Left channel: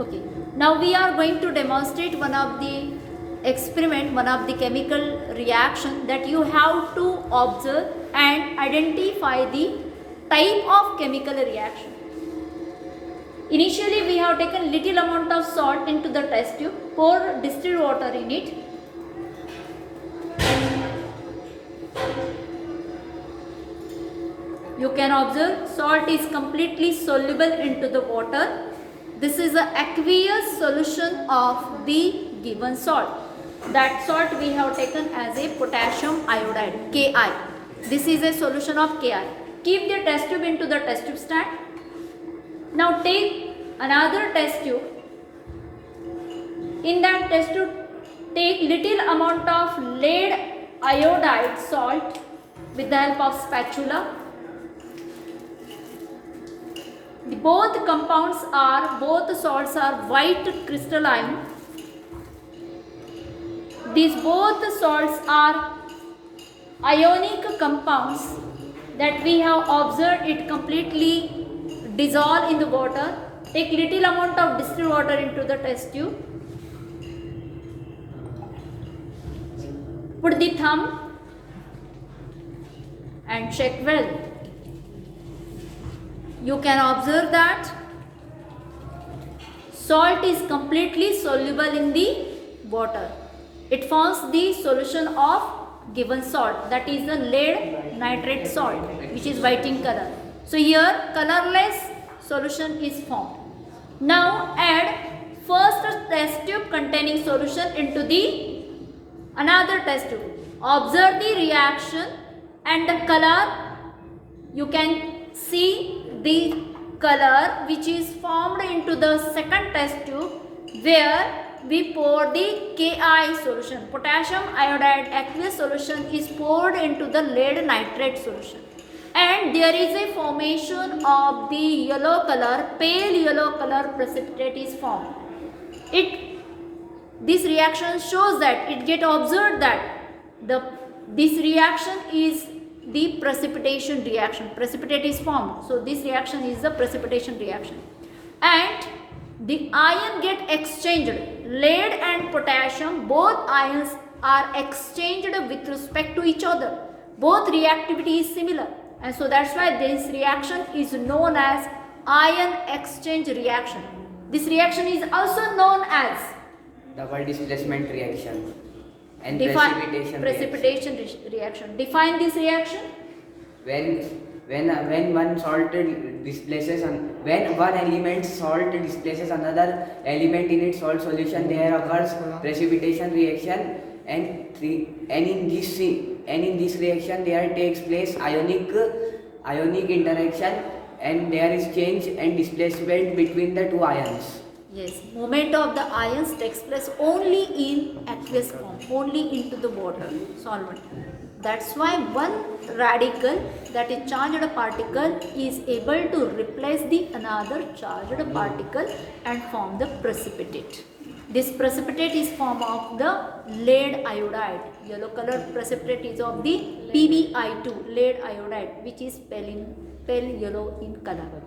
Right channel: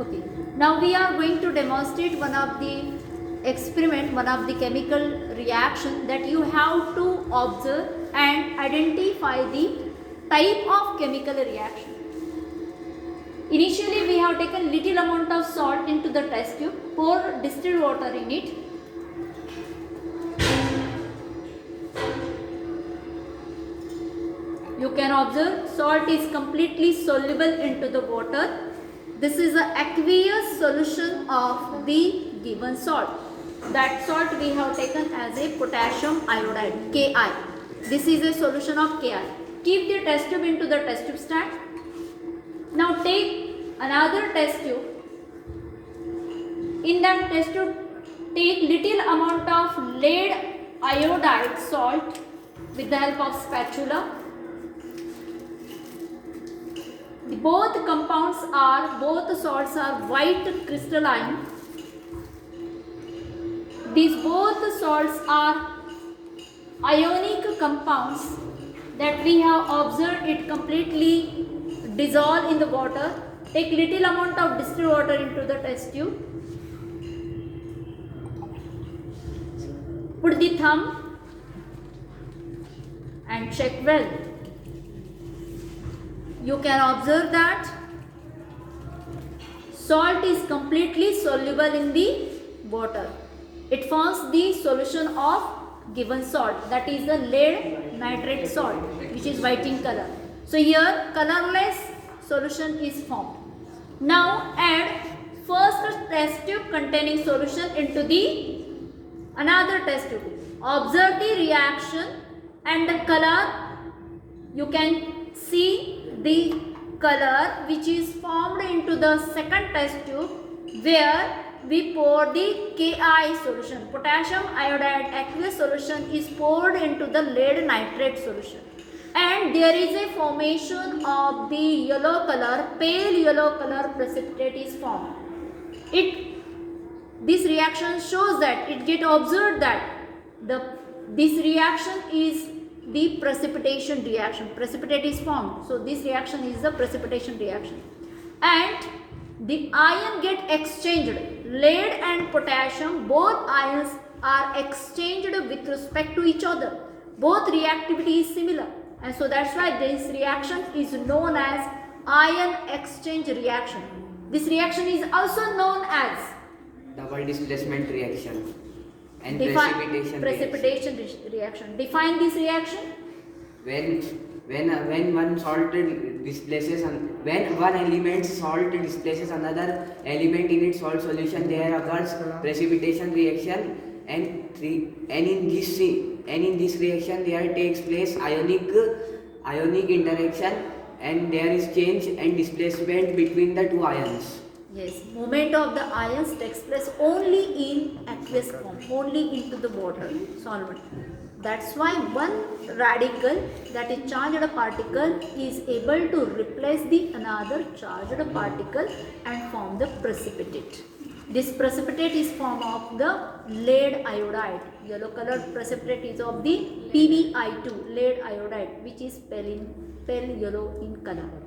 Okay. Now we are going to demonstrate one of the experiment, one of the chemical reaction that you have to observe and identify the type of chemical reaction. Initially we have taken little amount of salt into the test tube, pour distilled water in it. You can observe salt is completely soluble into the water. This is the aqueous solution of the given salt. That salt we have taken as a potassium iodide, Ki. This is a solution of Ki. Keep the test tube into the test tube stand. Now take another test tube. In that test tube, take little amount of lead iodide salt with the help of spatula. Both salts are white crystalline. These both salts are ionic compounds that we have observed it completely dissolve in the water. Take little amount of distilled water into the test tube. Put the thumb and check well. You can observe that salt is completely soluble in the water. It forms the solution of given salt, that is the lead nitrate salt, which is white in color. So here colorless solution is formed. Now add first test tube containing solution into the another test tube. Observe the reaction and the color. You can see the color which is formed into the second test tube where we pour the Ki solution. Potassium iodide aqueous solution is poured into the lead nitrate solution, and there is a formation of the yellow color, pale yellow color precipitate is formed. This reaction shows that it get observed that this reaction is the precipitation reaction. Precipitate is formed. So this reaction is the precipitation reaction. And the ion get exchanged. Lead and potassium, both ions are exchanged with respect to each other. Both reactivity is similar. And so that's why this reaction is known as ion exchange reaction. This reaction is also known as double displacement reaction and precipitation reaction. Define this reaction. When one salt displaces when one element salt displaces another element in its salt solution, there occurs precipitation reaction, and in this reaction there takes place ionic interaction, and there is change and displacement between the two ions. Yes, movement of the ions takes place only in aqueous form, only into the water, solvent. That's why one radical, that is charged particle, is able to replace the another charged particle and form the precipitate. This precipitate is form of the lead iodide. Yellow colored precipitate is of the PbI2, lead iodide, which is pale yellow in color.